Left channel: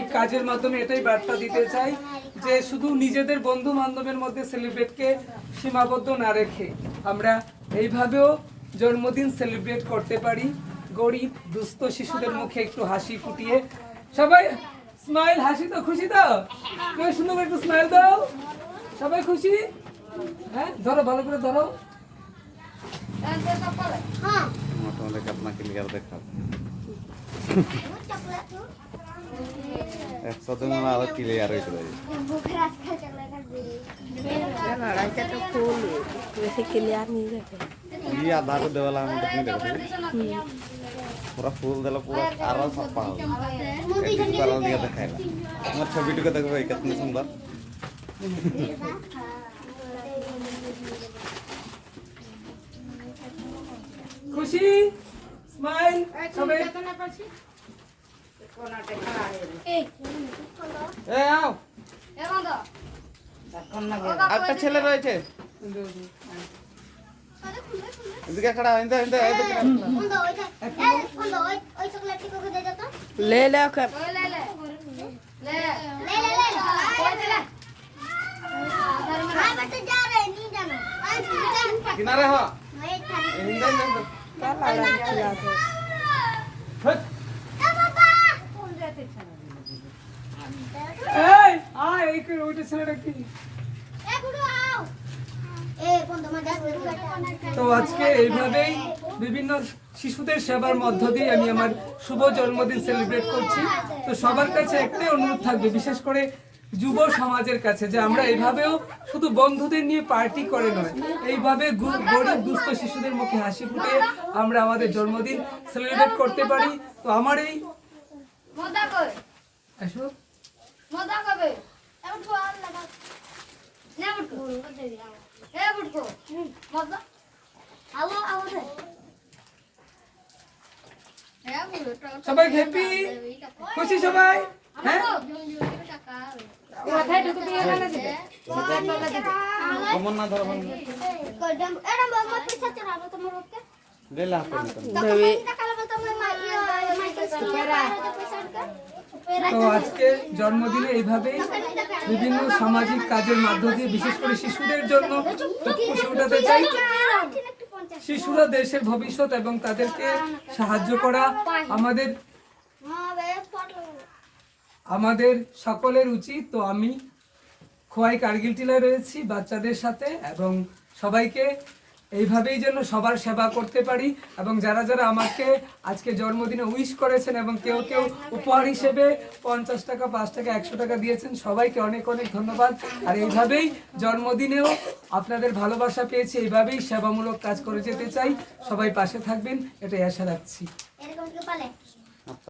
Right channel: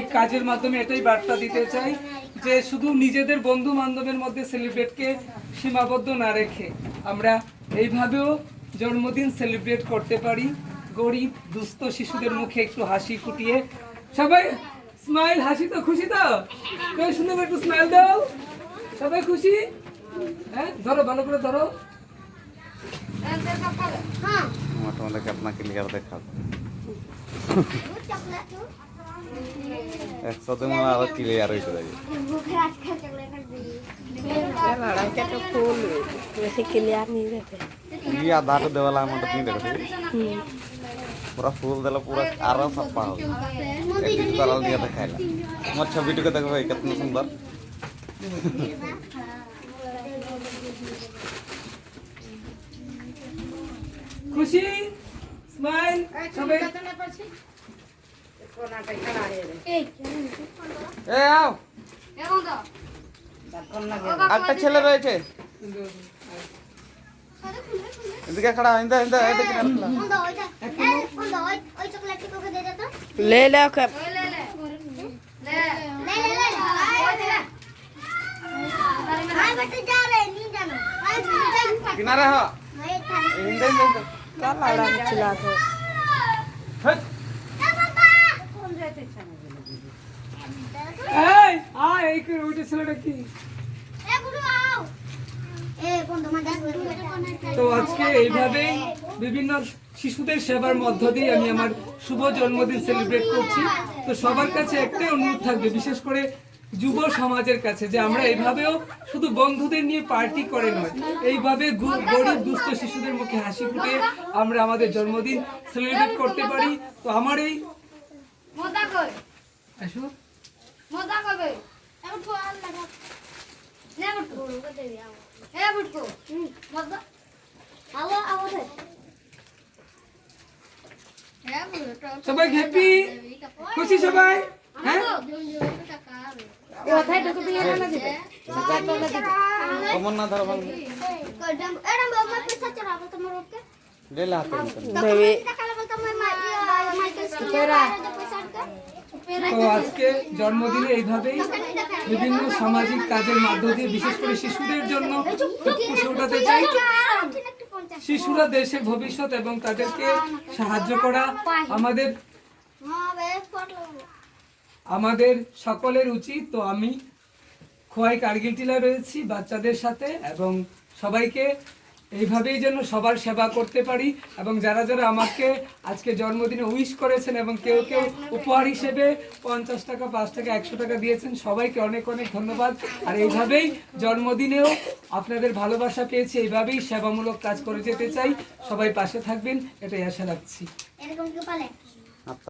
এই কাজের মাধ্যমে এটাই বার্তা দিতে চাই যে শুধু নিজেদের বন্ধু বান্ধবের মধ্যে সেলিব্রেটকে সীমাবদ্ধ না রেখে আমরা এইভাবেও জন্মদিন সেলিব্রেট করতে পারি। গরিব দুস্থ শিশুদের মুখে একটু হাসি ফুটিয়ে সবাই স্মাইল, হাসি তো খুশি দাও, সুন্দর একটু স্মাইল দাও, সবাই খুশি। হ্যাঁ ধরো, ভালো করে ধরো। তোমাদেরকে আপনাকে লিখার দেখাও একসাথে মানে আরো ক্লিয়ার হয়েছে ফুল বেশি ক্লিয়ার नहीं रहते ये आधार देवाला हम तो नहीं देखते पूरा फूल देला पूरा आरा सफा हो एडिट करल दिया देखाइला मत छवि को देखो भाई कितना सुंदर खुशी स्माइल সবাই এ আও একটা ছেলে রয়েছে এদিকে खड़ा इंदा इंदा এদিকে ले ले के किनारे हो इंदा इंदा क्या लाड़ा चिल्ला के এই এই করে ওইটা ছেলেটা কি? তো আজকে এইভাবেই বিভিন্ন শিশুদের সেবার মধ্য দিয়ে আমি আমার শুভ জন্মদিন সেলিব্রেট করছি। তো সবার কাছে একটাই অনুরোধ থাকবে, বিশেষ করে যুব সমাজের কাছে, যে আমরা এইভাবেও শুধু বন্ধুদের নিয়ে পার্টি করে নয়, এইভাবে গরিব দুস্থ শিশুদের মুখে হাসি ফুটিয়ে আমরা আমাদের জন্মদিন সেলিব্রেট করতে পারি। তো আমার এই আসো সবাই হ্যাপি খুশি সবাই। হ্যাঁ कमन ना धर बन ले ला हाथ তো আজকে জন্মদিনে এইভাবেই বিভিন্ন সামাজিক কাজের মধ্য দিয়ে বিশেষ করে শিশুদের জন্য খুশি উঠাতে চাই। শিশুরা দেশের ভবিষ্যৎ এবং তাদেরকে সাহায্য করা আমাদের সকলের উচিত। তো আমি খোয়াই কার্গিল টিলায় রয়েছি বাচ্চাদের সাথে, এবং সবাইকে এইভাবেই যেন সবার সেবা করতে পারি। এবং যারা যারা আমাকে আজকে জন্মদিনে উইশ করেছেন এবং কেউ কেউ উপহার হিসেবে 50 টাকা, 5 টাকা, 100 টাকা দিয়েছেন, সবাইকে অনেক অনেক ধন্যবাদ। আর এইভাবেই জন্মদিনেও আপনাদের ভালোবাসা পেয়েছি, এইভাবেই সেবামূলক কাজ করে যেতে চাই। সবাই পাশে থাকবেন, এটাই আশা রাখছি।